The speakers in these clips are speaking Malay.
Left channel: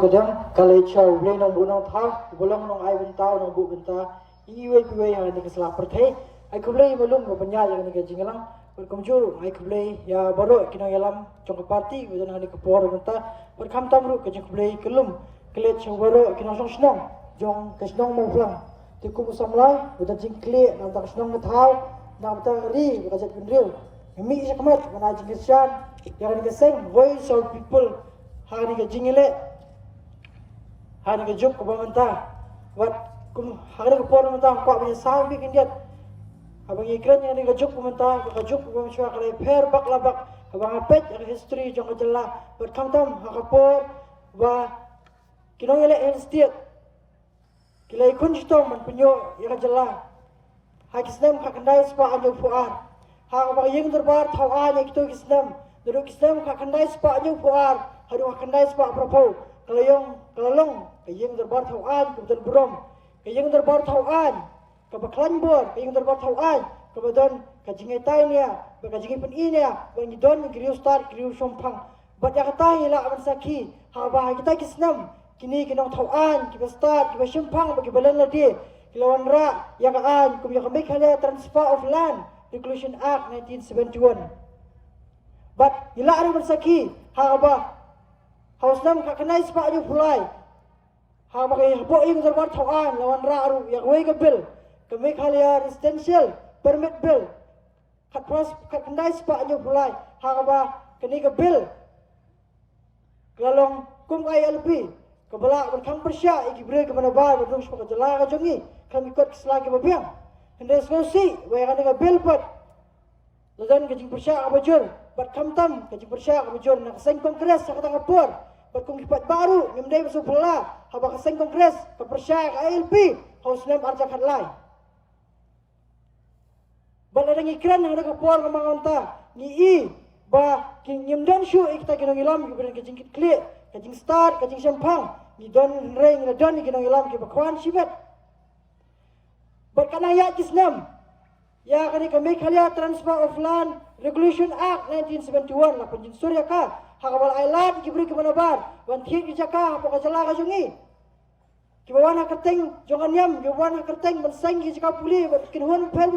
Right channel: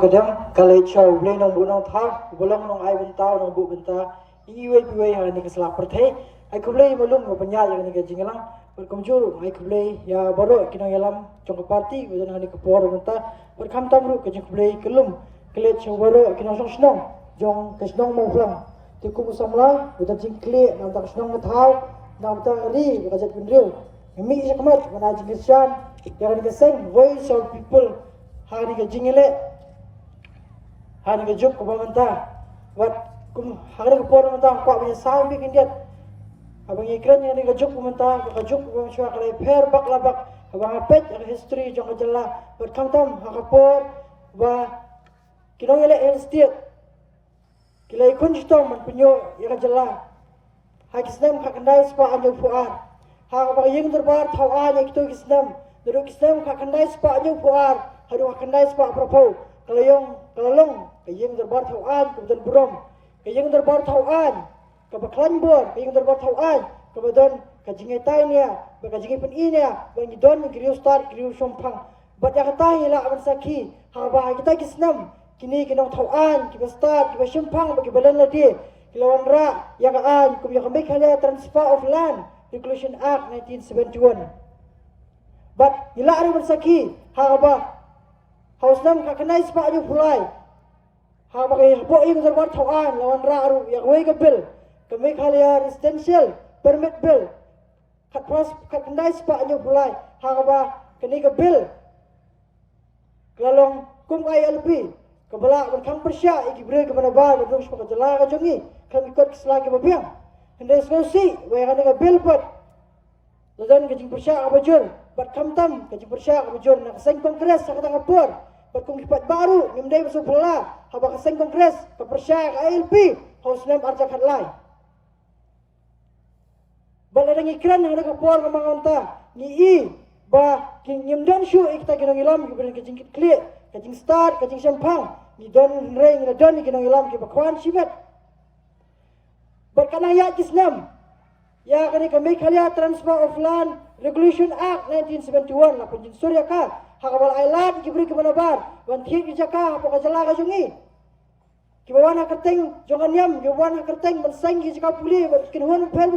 Kadang kalau show boleh nong bunong thah, bolong nong ai bentau nong bu benta, iwe piwe yang ni keselak pertai, ai keblei malum ko penya yang ni kejingalang, berkomjur ai keblei ya baru kina yalam congko parti, kemudian ni kepor benta, berkam tamru kejing keblei kelum, kelet show baru kina song snong, jong kesnong mau pulang, tikum usamla, bukan jing kle, nanti snong mathau, nanti ri, bukan jat pendriu, mi sekmat, mana jing kesyan, yang ni keseng, voice of people, hari kejingile. Hari ke juk ko pamanta wat kum hari ke por manta ko biya sambi kindiat abang ikran yang ke juk pamanta ko juk ko mishwa kale pher bak labak abang apet history jong jalla wat kamtam hakapor ba kinong ele estate kilai kun jitong man punyo ya jalla ha kisnam khakandai spa anjo fuar ha ba yeng darbar thau a ne kito kisnam dulu kisnam khakandai spa anjo fuar haru khakandai spa propo kalayong kayeng darbar tauan kemudian burom kayeng darbar tauan kabaklan bor kayeng darbar tauan kemudian kajingai tainya bakajingai peninya bang idon griu start griu sompang badya katai la aman saki haba kita kisnam kini kinong tauan kiba start kiba sompang bagi balan ladi kilawan ra yang aan kum yang make hala transfer of land Inclusion Act 1971 but ila aman saki haba Haus nam kakanai spa aju pulai. Ha bagai bo ing darbar tauan lawan ra aru yang wei ke bil. Kami khalia residential permit bill. Kat pras kakanai spa aju pulai. Ha ba kini ke bil. Kelalong kum ILP. Kebala berkam persya iki bre ke mana bar berung spa jala ka jongi. Kami ikut keselagi mabiang. Hendak skosi wei kan ke bil pat. Ladan kejing persya abajul. Bat kamtam kejing persya abajul nak seng kongres sa katang apor. Berkongkipat baru nimdai masuk pula habak seng kongres kepercayaan ALP haus nem arja khatlai baladang ikran yang ada kapor kamanganta ni i ba kin nimdan shu ikta kinong ilam ki beri kajing klik kajing start kajing sampang ni don reng na don kinong ilam ki bakwan sibat berkana ya kisnam ya kani kami khalia transfer of land regulation act 1971 la penjin surya ka hakabal ailan kibri ke mana bar wan thiet ki jaka apa kajala ka jungi kibawana kerteng jongan yam kibawana kerteng ban seng ki jaka puli kin hon pel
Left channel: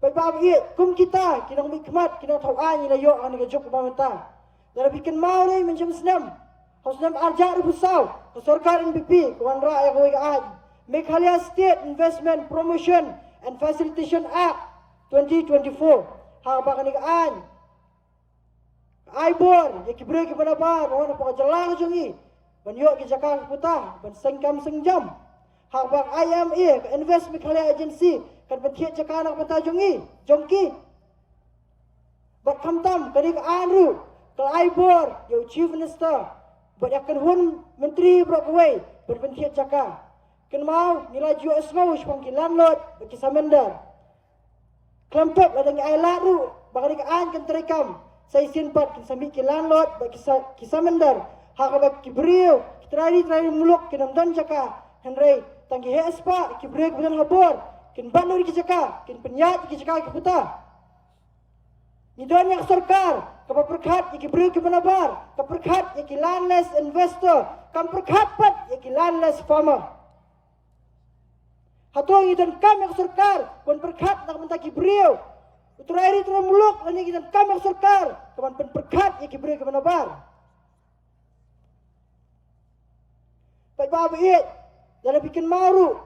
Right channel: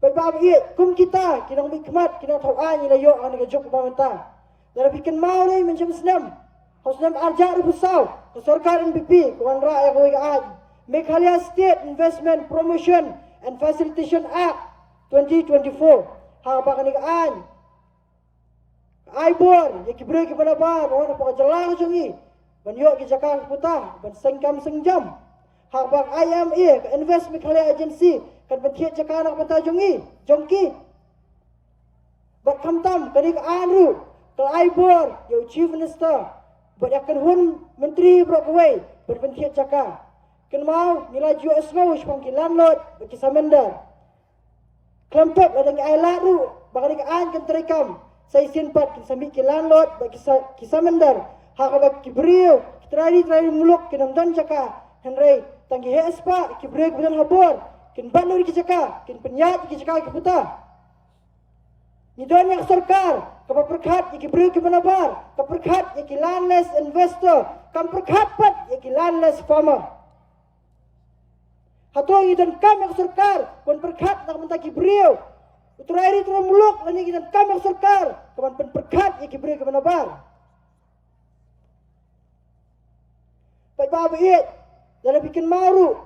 bai ba bi kum kita kinang mikmat kinang thau ani la yo ani ka jok pamanta dara bikin mau ni mencam senam hosnam arja ru busau ke sarkar NPP kawan ra ya koi aj Meghalaya State Investment Promotion and Facilitation Act 2024 ha ba kani kaan Aibor, ya kibre ki mana bar, orang apa jalan jungi, ban yok ki jakang putah, ban sengkam sengjam. Hak bak IMA, Invest Meghalaya Agency, kan bentiak jakang nak putah jungi, jongki. Bat kamtam, kani ke anru, kal Aibor, yo Chief Minister, bat yakan hun Menteri Brockway, bat bentiak jakang. Kan mau nilai jual semua, sepang ki landlord, bat ki samender. Klempet ladang ailaru, bakal ke an kan terikam. Saya simpat sambil ke landlord bagi kisah mendar hakabak kibriu kitrari muluk kinamdan jaka henry tanggi hespa kibriu kemudian habor kin banur ki jaka kin penyat ki jaka ki puta nidon yang sarkar kapaperkhat ki kibriu ki manabar kaperkhat ki landless investor kaperkhat pat ki landless farmer hatoi dan kam yang sarkar kon perkhat nak menta kibriu Utrari muluk lani kita kami sarkar kawan penperkat yang kibri ke mana bar. Baik bapa iet dalam bikin maru.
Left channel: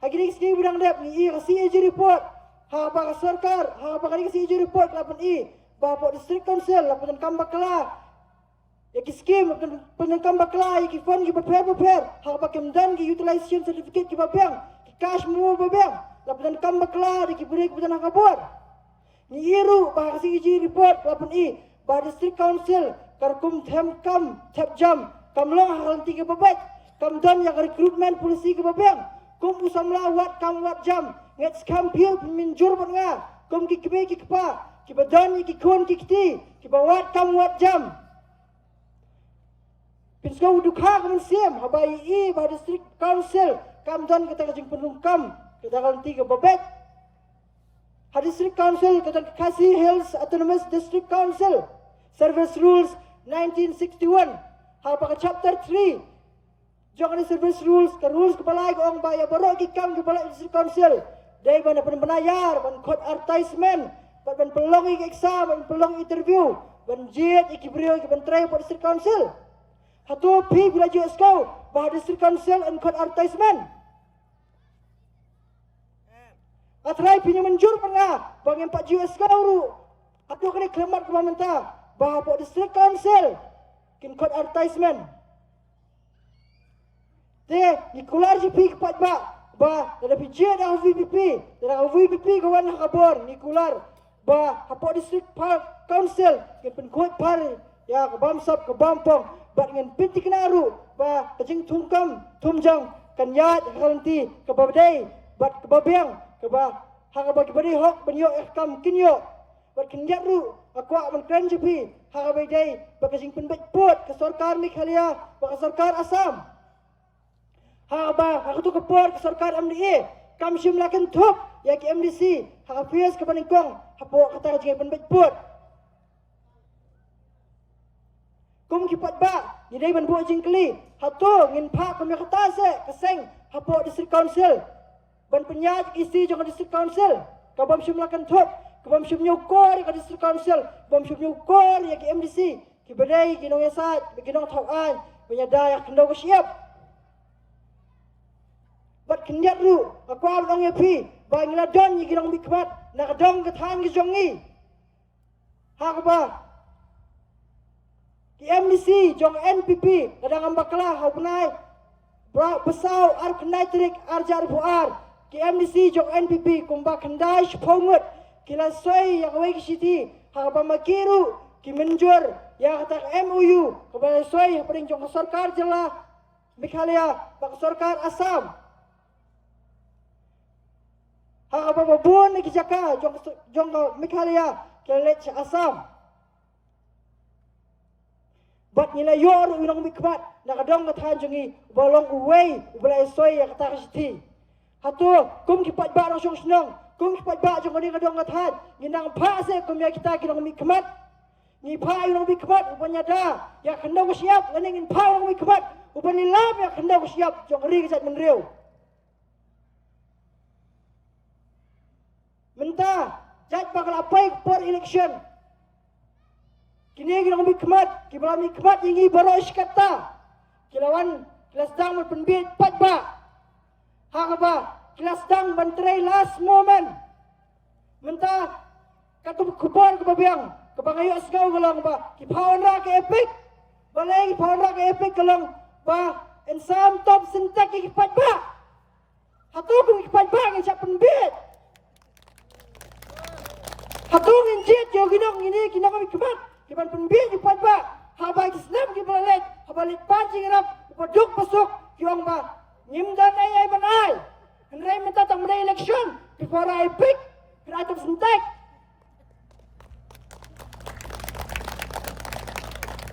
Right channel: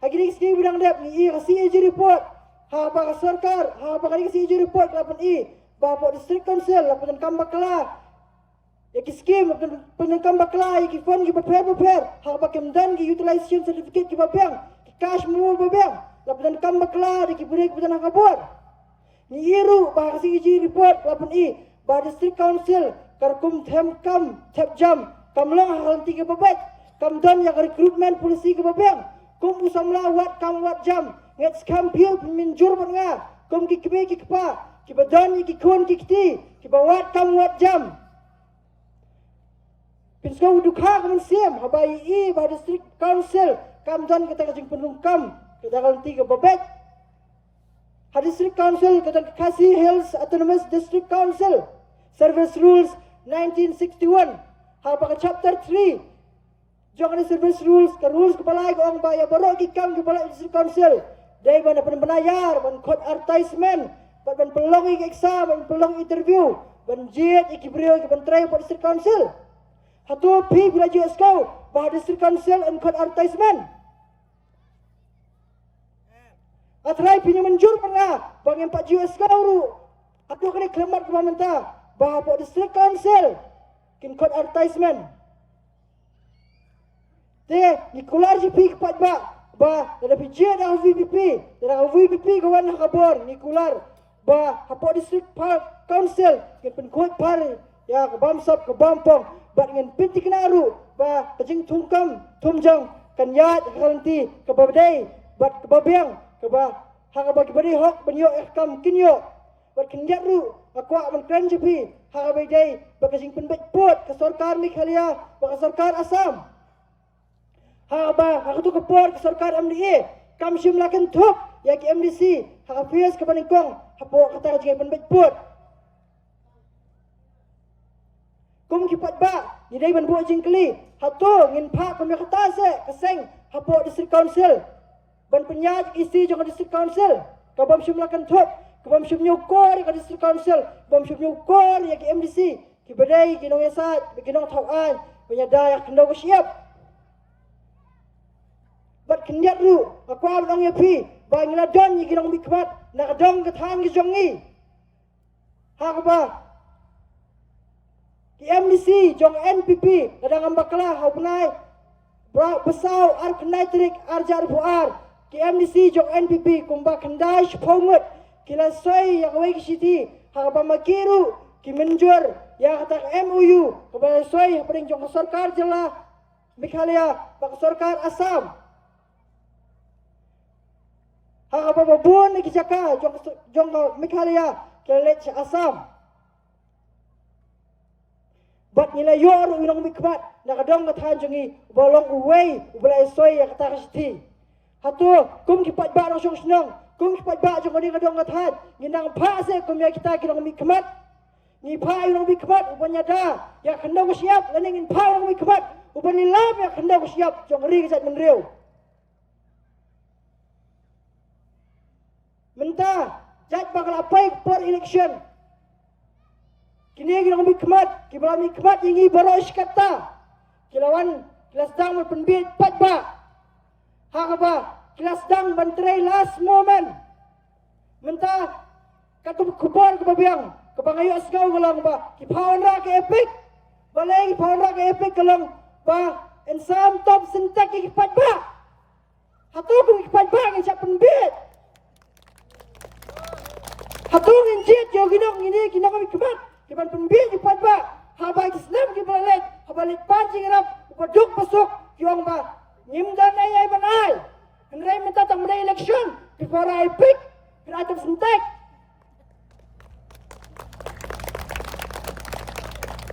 Hari ini sini bidang dep ni kasih uji report. Ha apa sarkar ha apa kali kasih uji report lapan bapa district council lapan kambak kala. Yaki skim lapan kambak kala yaki fund ki prepare. Ha apa kemdan ki utilization certificate ki babiang ki cash mu babiang. Lapan kambak kala di kibri kemudian hakabor. Ni iru bahasa iji report lapan bah district council karkum them kam tap jam kamlang hal tiga babet kam don yang recruitment polisi ke babeng kum usamla wat jam ngets kam pil minjur banga kum ki kibe ki kpa ki badan ki kon ki kiti ki bawat kam wat jam pinsko dukha kam sim habai bah district council kam don kita kajing penung kam kita kan tiga babet District Council kita kasih Hills Autonomous District Council service rules 1961 haba chapter 3 jong ni service rules ka rules kebalai ko ang baya baro ki kam kebalai district council dai ban penayar ban court advertisement ban pelong exam ban pelong interview ban jet ikibrio ban try for district council hatu pi bila jo skau bah district council and court advertisement atrai pinya menjur pernah bang 4 juta skau ru hatu kini klemat kementah bah for district council kin court advertisement te nikular ji pi kepat ba ada jet dah VPP dah VPP kawan kabor nikular ba hapo district council kin pen court par ya ke bamsap ke bampong bat dengan pinti kenaru ba kajing tungkam tumjang kan yat kalanti ke babdai bat ke babiang ke ba ha bagi bari hok benyo ikam kinyo bat kinjat ru akwa man kran jepi ha babdai ba kajing penbet pot ke sarkar Meghalaya ba ke sarkar Assam ha ba ha tu ke pot ke sarkar MDA kam simlakan thop ya ke MDC ha PS ke baningkong hapo kata kajing penbet pot kum kipat ba ni dai ban bo jingkli hatu ngin pha kum kata se kaseng hapo district council ban penyat isi jong district council ka bam simlakan thop ka bam sim nyukor ka district council bam sim nyukor ya ke MDC ki badai ki nong yasat ki nong thawan penyada ya kendo siap bat kenyat ru aku abang ya pi ba ngila don ki nong bikmat na dong ka thang ki jongi ha ba ki MDC jong NPP kadang ambaklah haunai besau ar kenatrik arjar buar ki MDC jong NPP kumba kendai shpongut kila soi yang wei city ha ba makiru ki menjur ya kata MOU kubala soi paling jong sarkar jela Meghalaya ba sarkar Assam ha ba bun ki jaka jong Meghalaya kila Assam bat nila yor unang mikmat nakadong kathan jungi bolong uway ubala soy ya kata kasti hatu kum kipat ba rong snong kum kipat ba jong ni kadong kathan ginang pa se kum ya kita kinang mikmat ni pa unang mikmat ubanya da ya kendong siap laningin pa unang mikmat ubani lab ya kendong siap jong ri kat menriu mentah jat bakal apai for election kini kita mikmat, kita mikmat ini baru iskata. Kilawan kelas dang berpenbit patba. Hakaba kelas dang bantrai last moment. Mentah katu kubur kebabiang, kebangayu asgau galang ba. Kipawan ra ke epic, balai kipawan ra ke epic galang ba. Ensam top sentak kipat ba. Hatu pun kipat ba ngecap penbit. Hatu nginjit yo ginong ini kinang mikmat. Kiban penbin kipat ba habay kisnam kibalalet habalit pancing rap upaduk pasok yung ba nyimdan ay banay henry minta tang may election before I pick pinatong sentek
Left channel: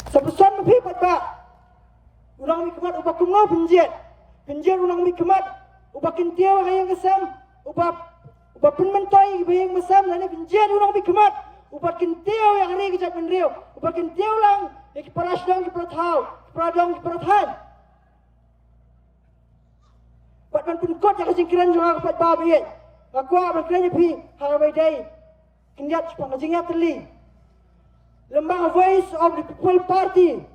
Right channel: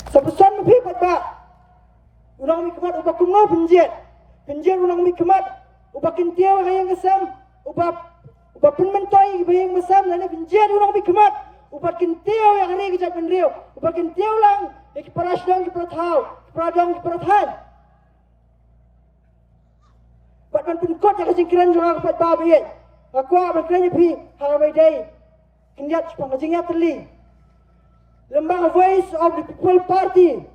sa busan mo pipat ba unang mikmat ubak kumo penjit unang mikmat ubak kintiyaw hayang kasam ubak penmentoy bayang masam lani penjit unang mikmat ubat kintiaw yang hari kejat menriu ubat kintiaw lang ikiparas dong kiparathaw kiparadong kiparathan bat man penkot yang kasingkiran juga kepat babi aku abang kerana pi harabai day kinjat pangajingnya terli lembang Voice of the People Party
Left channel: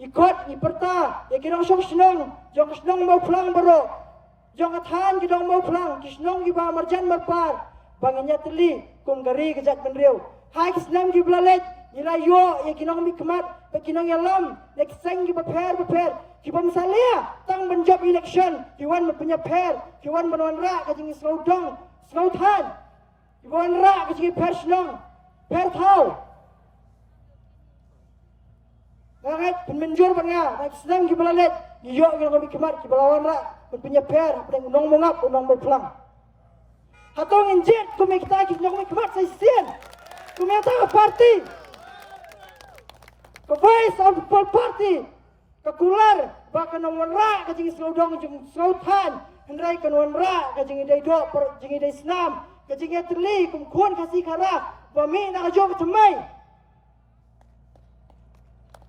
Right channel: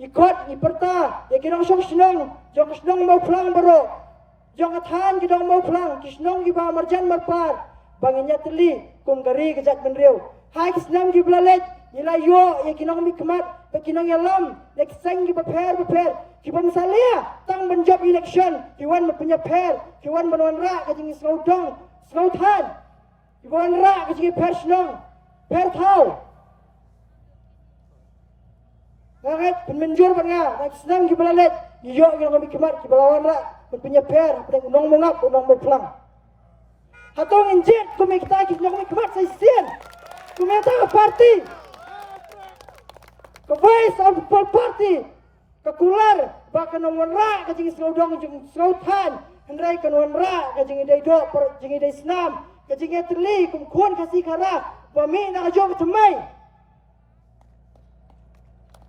ikut iperta ya kirang syong senong jong senong mau pulang baru jong athan kidong mau pulang kisnong kiba marjan marpar bangnya terli kung gari kejat menriu hai kisnam ki blalet nilai yo ya kinong mikmat pa kinong yalam next sang ki prepare ki pamsalia tang menjob election ki wan punya pair ki wan banwan ra ka jing slaudong slauthan ki wan ra ka jing pair snong pair thau banget penmenjur banga next kisnam ki blalet yo kinong mikmat ki balawan ra punya pair pedang nong mengap nong berpelang hatong injet ku mikta ki kinong mikmat sai sien Kumenta parti, ke Voice of the People Party, ke kular, bahkan nomor ra, ke jingi seludong, jingi selautan, hendrai ke nomor ra, ke jingi day dok, jingi day senam, ke jingi terli, kumkuan kasih kara, bami nak jom temai.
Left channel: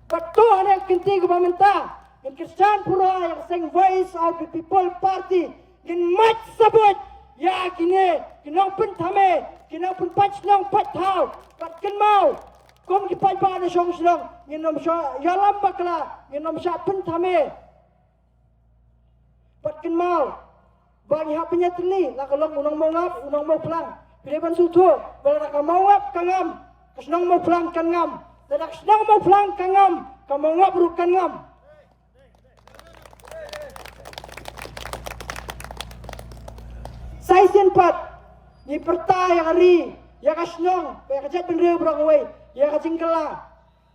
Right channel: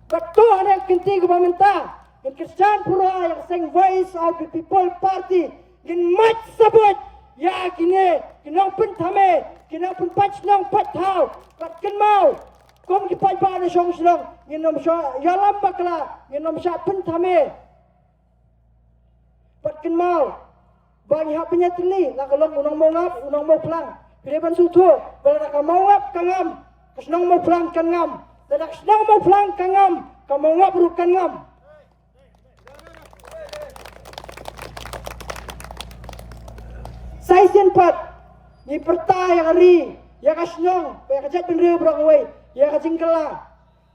Betul ada kenti ke pemerintah. Yang Christian Pura yang sing voice of the people party. Yang mat sebut. Ya kini. Kena pun tame. Kena pun patch nang pat tau. Pat ken mau. Kom ki pat ba na song song. Yang nom sya yalam bakla. Yang nom sya pun tame. Pat ken mau. Bang hak penyatli. Lah kalau unang mau ngap. Unang mau pelang. Pilihan sutu. Bila nak mau ngap kangam. Kesenang mau pelang kangam. Dan senang mau pelang kangam. Kamu ngap rukan ngam. Saya sempat di pertai yang hari, ya kasenang, ya kajat benda berawai, ya kajingkala.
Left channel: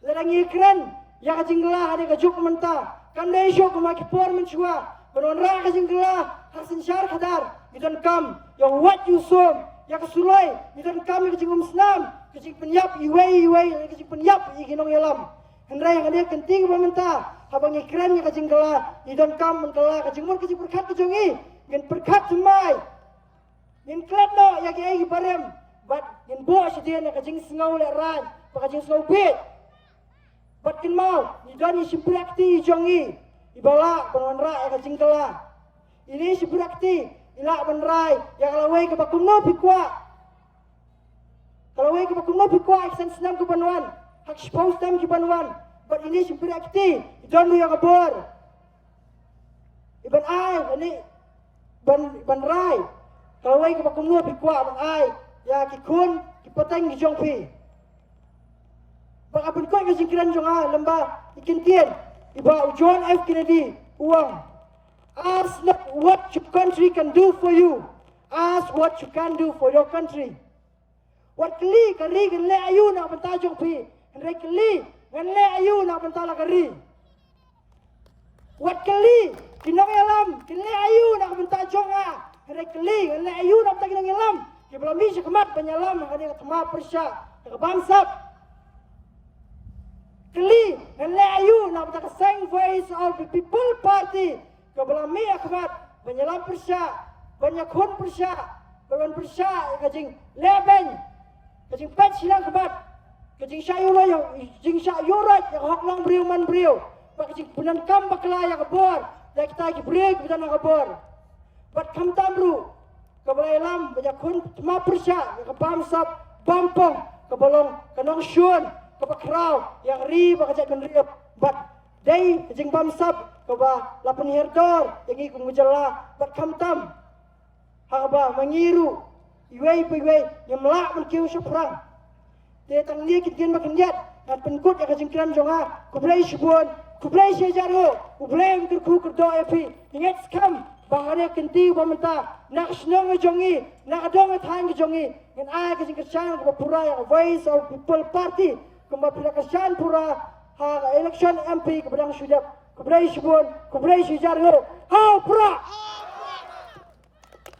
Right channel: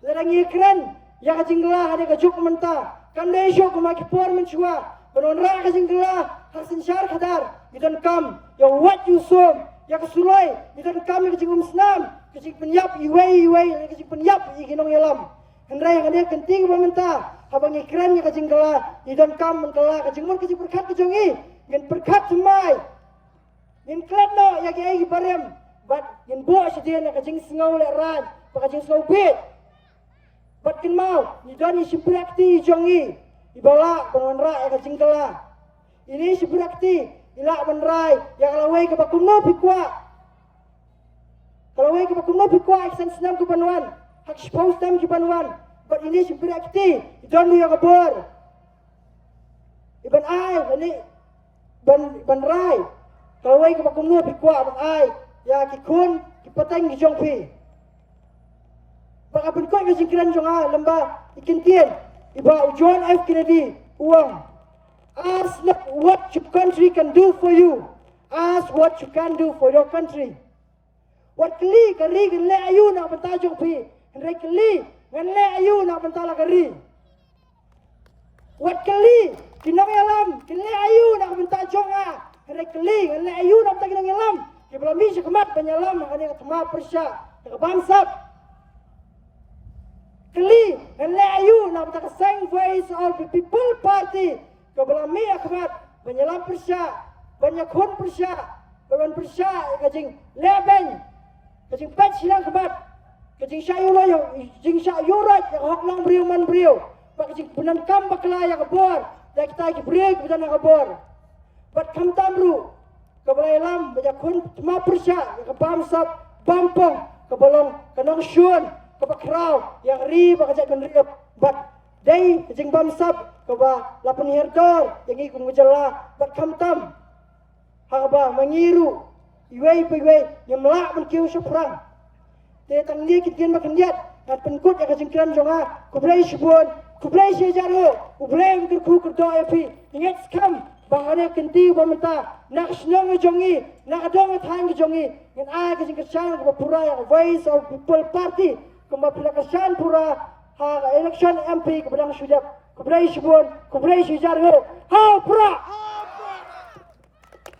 Lerangi keren, ya kajingkala ada kajuk mentah. Kan dah esok kemaki por mencua, menonrak kajingkala, hasil syar kadar, idan kam, ya what you saw, ya kesulai, idan kam ya kajing senam, kajing penyap, iwai, kajing penyap, ikinong yalam. Hendrai yang ada kenting mentah, habang ikran ya kajingkala, idan kam mentala, kajing mur kajing berkat kajongi, yang berkat semai. Yang klat no ya kiai barem, but yang buat sedia nak kajing sengau leran, kajing sengau bit. But kan mau, ni don ni simprakti jongi, ibawa penonra ya kajing kala. Ini simprakti, ilak menrai, yang kalawai ke bakumno pikwa. Kalawai ke bakumno pikwa, iksan senam ke panuan, hak sepau senam ke panuan. But ini simprakti, don lu yang kabur. Iban ai, ini ban rai. Kalau awak kita kumno pikwa abang ai, ya kikun kipateng kijong pi. Bang abang kau kesingkiran jong lembah ikintian, iba John F Kennedy uang. Ask not what your country can do for you, ask what you can do for your country. What kali kan le ayu nak bentah jong pi, hendak kali kan le ayu nak bentah la kari. What kali kinong alam, kali ayu nak bentah jong Kena keling, kena ayu nak tak kena ngelam. Dia belum bisa kemat penyelam, kena ketema persyak, kena bangsap. Keling, kena ayu nak tak sing voice of the people party. Kau belum mi kemat penyelam persyak, banyak kon persyak, banyak persyak kajing leben, kajing pet silang kemat, kajing sayuran yang, kajing sayuran yang hak lang beriu man beriu, kajing penankam bakla yang kebor, dan kita kibrik betul nak kebor. Bat kam tamru kabalailam banyak kun cuma persya ke bamsap bampong ke bolong ke nongsyun ke bakrau yang ri bakajat menriap bat dai jeng bamsap ke ba lapan herdor yang ikut mujalla bat kam tam haba mengiru iwei yang melak menkiu seprang dia tang dia kitgen makanjat at penkut yang kajengkiran jonga kublai shibun kublai sejaru kublai kerku kerdo epi ingat skam bang ada kenti pemerintah nak senang kejongi nak dong thang kejongi yang ai ke singkatan ke pura yang voice of people party kembali kesan pura ha election MP ke pedang sudah ke berai sebun ke berai sejarah ha pura